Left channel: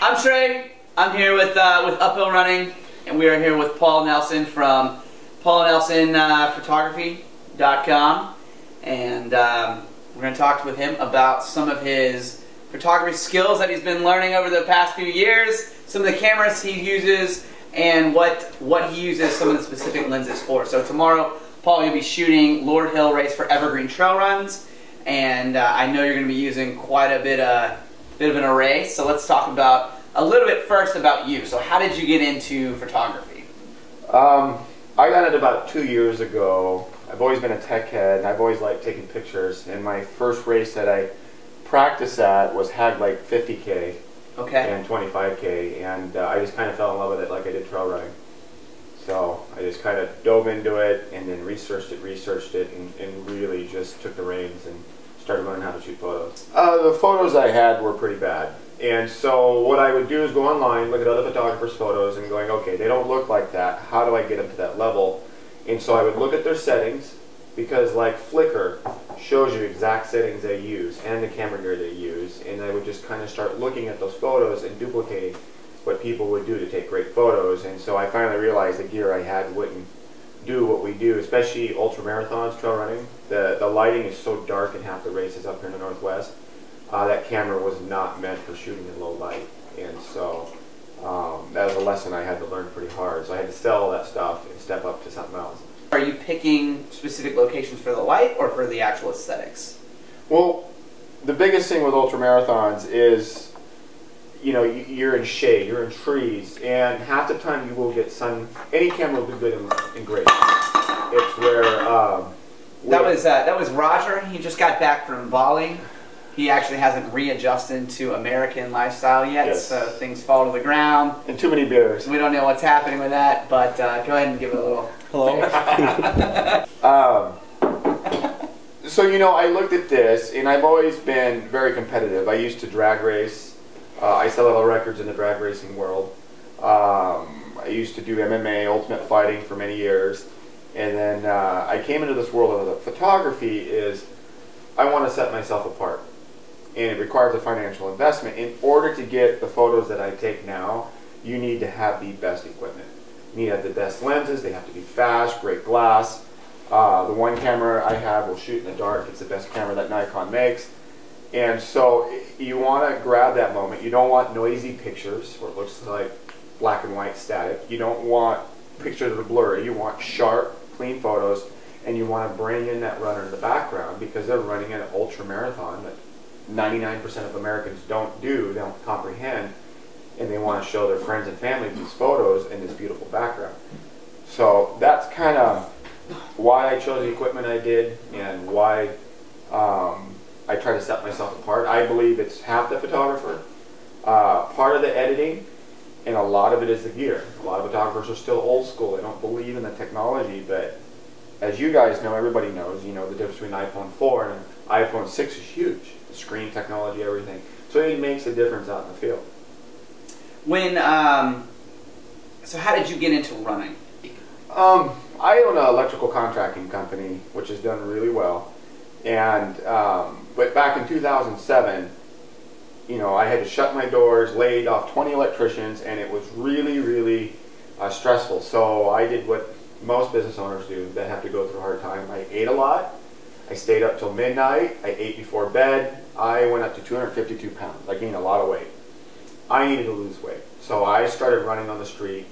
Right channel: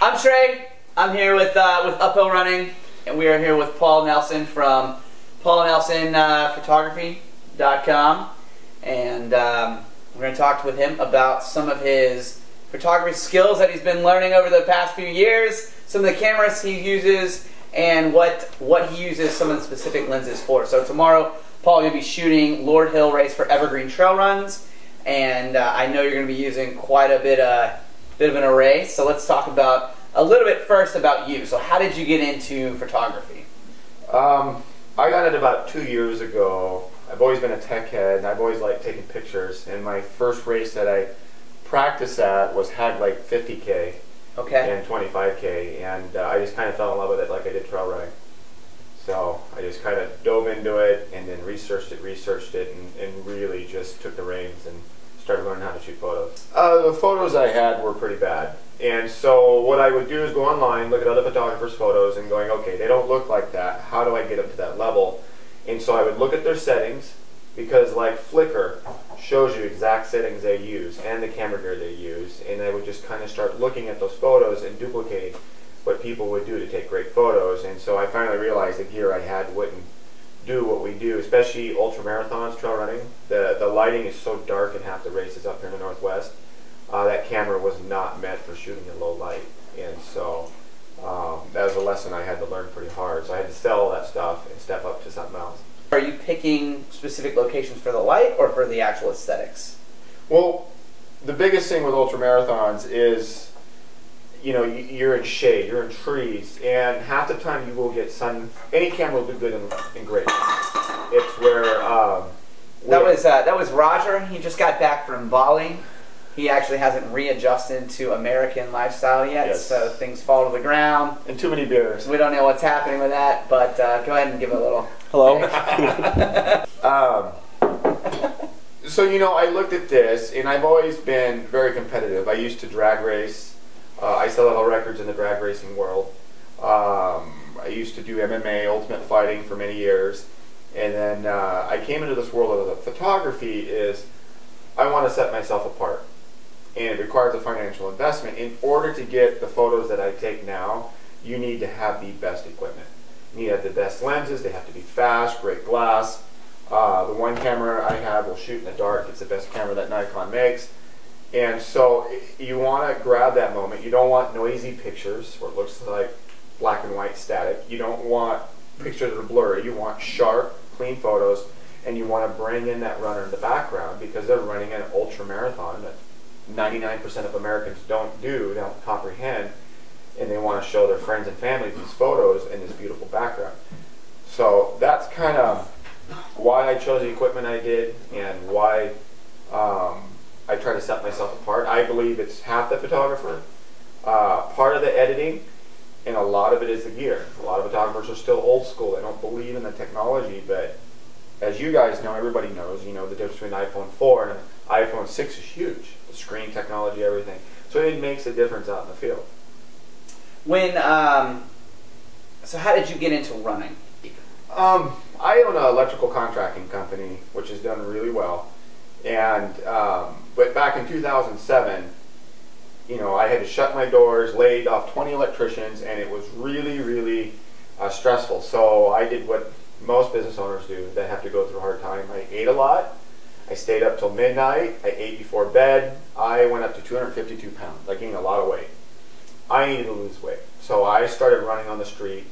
I'm Trey. I'm here with Uphill Running, and we are here with Paul Nelson from PaulNelsonPhotography.com, and we're going to talk with him about some of his photography skills that he's been learning over the past few years, some of the cameras he uses, and what he uses some of the specific lenses for. So tomorrow, Paul, you'll be shooting Lord Hill Race for Evergreen Trail Runs, and I know you're going to be using quite a bit of an array. So let's talk about a little bit first about you. So how did you get into photography? I got it about 2 years ago. I've always been a tech head, and I've always liked taking pictures. And my first race that I practiced at had like 50K and 25K, and I just kind of fell in love with it like I did trail running. So I just kind of dove into it and then researched it, and really just took the reins and started learning how to shoot photos. The photos I had were pretty bad. And so what I would do is go online, look at other photographers' photos, and going, okay, they don't look like that. How do I get them to that level? And so I would look at their settings, because like Flickr shows you exact settings they use and the camera gear they use, and I would just kind of start looking at those photos and duplicating what people would do to take great photos. And so I finally realized the gear I had wouldn't do what we do, especially ultra marathons, trail running. The lighting is so dark in half the races up here in the Northwest. That camera was not meant for shooting in low light, and so that was a lesson I had to learn pretty hard. So I had to sell all that stuff and step up to something else. Are you picking specific locations for the light or for the actual aesthetics? Well, the biggest thing with ultra marathons is, you know, you're in shade, you're in trees, and half the time you will get sun. Any camera will do good in gray. It's where that was Roger. He just got back from Bali. He actually hasn't readjusted to American lifestyle yet, so things fall to the ground. And too many beers. We don't know what's happening with that, but go ahead and give it a little. Hello. So, you know, I looked at this, and I've always been very competitive. I used to drag race. I set all records in the drag racing world. I used to do MMA, ultimate fighting, for many years. And then I came into this world of photography. I want to set myself apart. And it requires a financial investment. In order to get the photos that I take now, you need to have the best equipment. You need to have the best lenses. They have to be fast, great glass. The one camera I have will shoot in the dark. It's the best camera that Nikon makes. And so you want to grab that moment. You don't want noisy pictures where it looks like black and white static. You don't want pictures that are blurry. You want sharp, clean photos. And you want to bring in that runner in the background, because they're running an ultra marathon that 99% of Americans don't comprehend, and they want to show their friends and family these photos in this beautiful background. So that's kind of why I chose the equipment I did, and why I try to set myself apart. I believe it's half the photographer, part of the editing, and a lot of it is the gear. A lot of photographers are still old school. They don't believe in the technology, but as you guys know, everybody knows, you know, the difference between an iPhone 4 and an iPhone 6 is huge. The screen technology, everything. So it makes a difference out in the field. So how did you get into running? I own an electrical contracting company, which has done really well. And but back in 2007, you know, I had to shut my doors, laid off 20 electricians, and it was really, really stressful. So I did what most business owners do that have to go through a hard time. I ate a lot. I stayed up till midnight. I ate before bed. I went up to 252 pounds. I gained a lot of weight. I needed to lose weight. So I started running on the street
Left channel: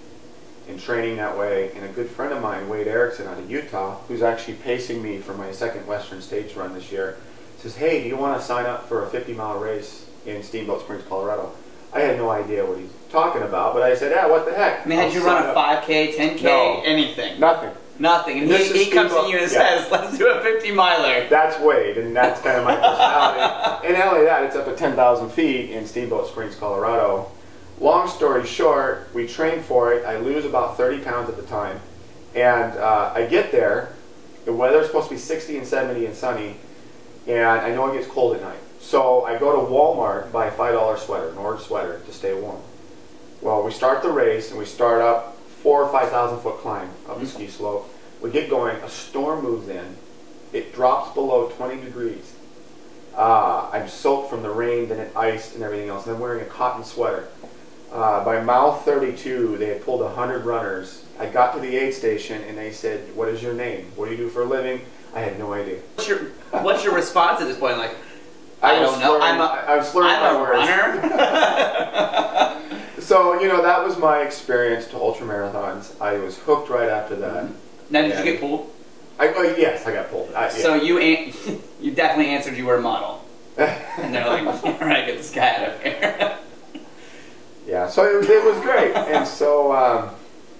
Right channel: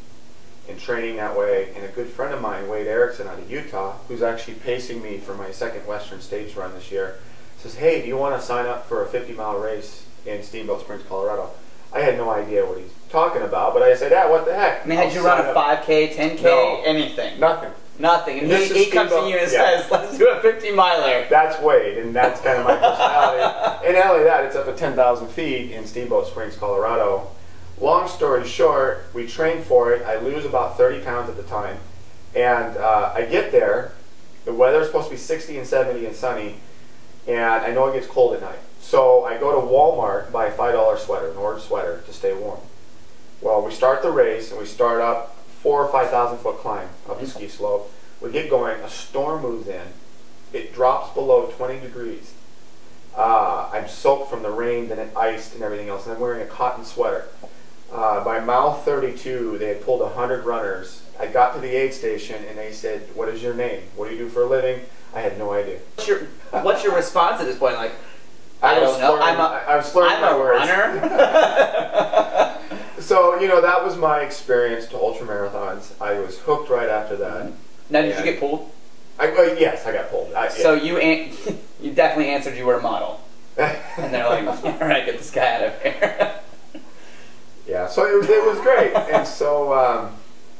and training that way. And a good friend of mine, Wade Erickson out of Utah, who's actually pacing me for my second Western States run this year, says, hey, do you want to sign up for a 50-mile race in Steamboat Springs, Colorado? I had no idea what he's talking about, but I said, yeah, what the heck? I mean, had you run a 5K, 10K, no, anything? Nothing. Nothing. And he comes to you and says, let's do a 50-miler. That's Wade, and that's kind of my personality. And not only that, it's up at 10,000 feet in Steamboat Springs, Colorado. Long story short, we train for it. I lose about 30 pounds at the time. And I get there. The weather's supposed to be 60 and 70 and sunny. And I know it gets cold at night. So I go to Walmart and buy a $5 sweater, an orange sweater, to stay warm. Well, we start the race, and we start up 4,000 or 5,000 foot climb up the ski slope. We get going, a storm moves in. It drops below 20 degrees. I'm soaked from the rain, then it iced and everything else, and I'm wearing a cotton sweater. By mile 32, they had pulled 100 runners. I got to the aid station, and they said, "What is your name? What do you do for a living?" I had no idea. What's your response at this point? Like, I don't know. I was slurring my words. Runner. So, you know, that was my experience to ultramarathons. I was hooked right after that. Now, did you get pulled? Yes, I got pulled. Yeah. So you definitely answered you were a model. And they're like, all right, get this guy out of here. Yeah, so it was great. And so,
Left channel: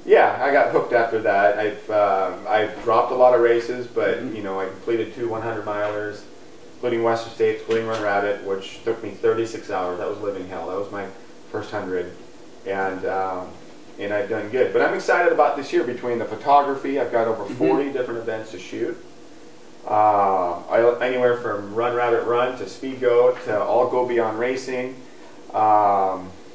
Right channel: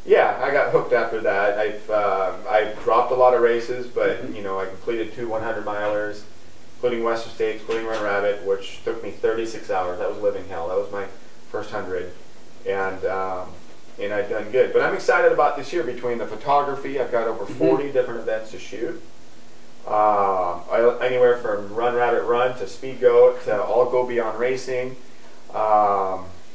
yeah, I got hooked after that. I've dropped a lot of races, but, you know, I completed 2 100-milers, including Western States, including Run Rabbit, which took me 36 hours. That was living hell. That was my first 100. And I've done good. But I'm excited about this year between the photography. I've got over 40 different events to shoot. Anywhere from Run Rabbit Run to Speed Goat to All Go Beyond Racing,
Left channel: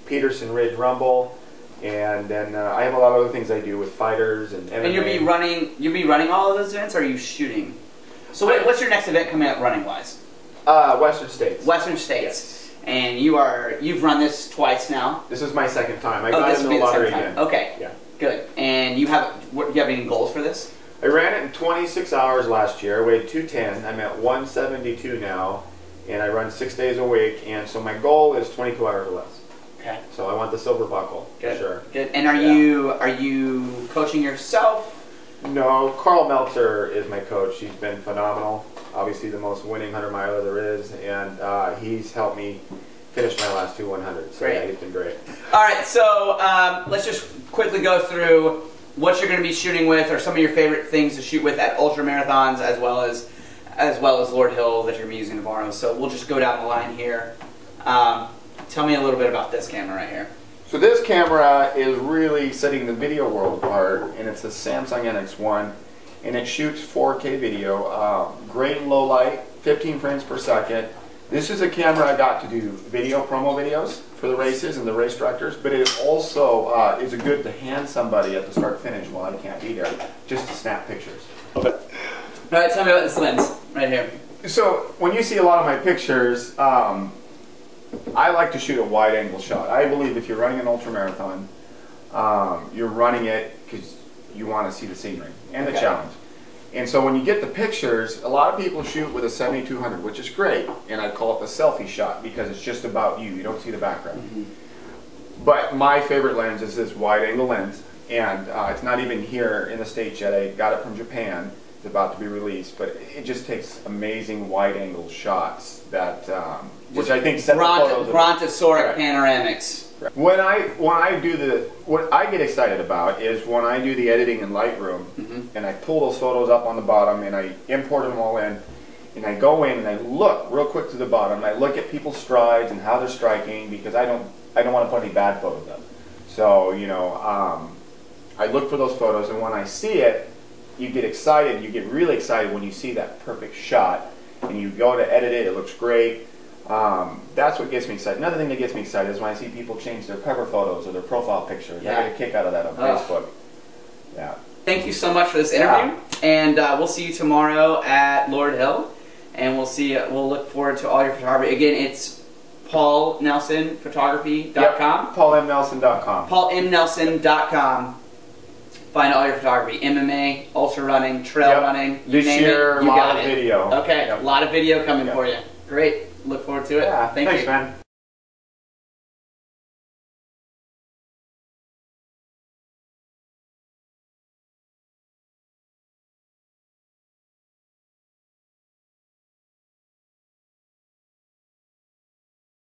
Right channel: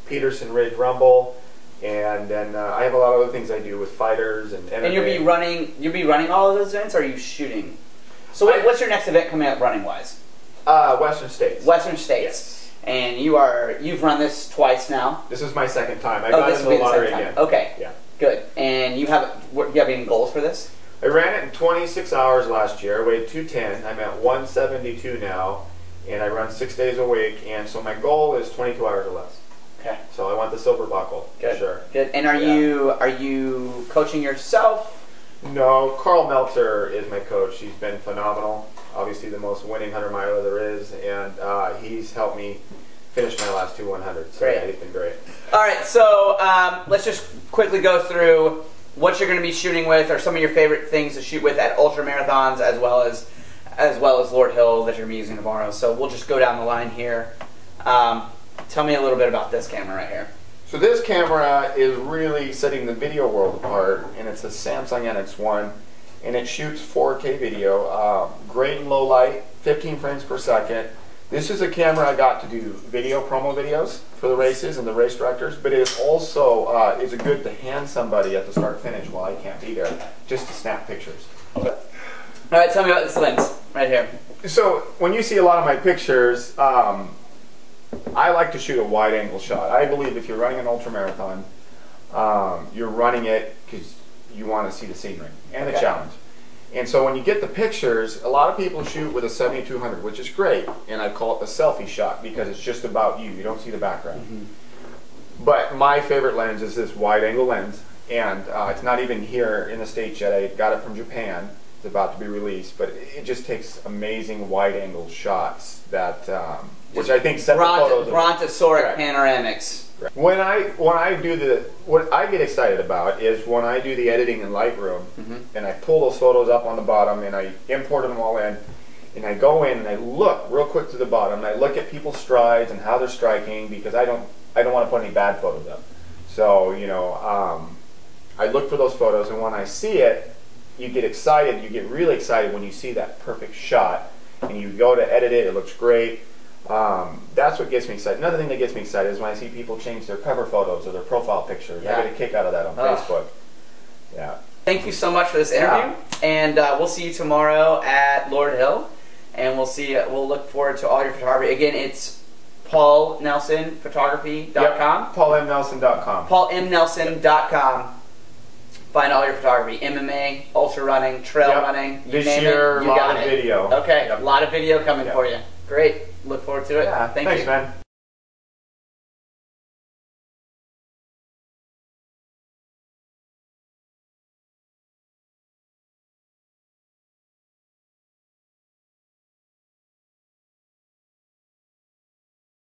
Peterson Ridge Rumble, and then I have a lot of other things I do with fighters and MMA. And you'll be running all of those events, or are you shooting? So what's your next event coming up running wise? Western States. Western States. Yes. And you've run this twice now. This is my second time. I got in the lottery again. Okay. Yeah. Good. And you have any goals for this? I ran it in 26 hours last year. I weighed 210. I'm at 172 now, and I run 6 days a week. And so my goal is 22 hours or less. Okay. So I want the silver buckle for sure. Good. And are you coaching yourself? No, Carl Meltzer is my coach. He's been phenomenal. Obviously the most winning 100-miler there is, and he's helped me finish my last 2 100s. So yeah, he's been great. All right, so let's just quickly go through what you're going to be shooting with, or some of your favorite things to shoot with at ultra marathons, as well as Lord Hill that you're going to be using tomorrow. So we'll just go down the line here. Tell me a little bit about this camera right here. So this camera is really setting the video world apart, and it's a Samsung NX1. And it shoots 4K video, great in low light, 15 frames per second. This is a camera I got to do video promo videos for the races and the race directors, but it also is good to hand somebody at the start finish while I can't be there, just to snap pictures. Okay. All right, tell me about this lens right here. So when you see a lot of my pictures, I like to shoot a wide angle shot. I believe if you're running an ultramarathon, you're running it because you want to see the scenery and the challenge. And so when you get the pictures, a lot of people shoot with a 7200, which is great, and I call it the selfie shot because it's just about you. You don't see the background. But my favorite lens is this wide angle lens, and it's not even here in the States yet. I got it from Japan. It's about to be released, but it just takes amazing wide angle shots that which I think set the photos. Brontosauric panoramics. When I do what I get excited about is when I do the editing in Lightroom, and I pull those photos up on the bottom and I import them all in, and I go in and I look real quick to the bottom and I look at people's strides and how they're striking, because I don't want to put any bad photos up. So you know, I look for those photos, and when I see it, you get excited. You get really excited when you see that perfect shot, and you go to edit it. It looks great. That's what gets me excited. Another thing that gets me excited is when I see people change their cover photos or their profile pictures. I get a kick out of that on Facebook. Yeah. Thank you so much for this interview, and we'll see you tomorrow at Lord Hill, and we'll look forward to all your photography. Again, it's paulnelsonphotography.com. Yep. paulmnelson.com. paulmnelson.com. Find all your photography: MMA, ultra running, trail running. This year, a lot of video. Okay, a lot of video coming for you. Great. Look forward to it. Yeah, thanks, man.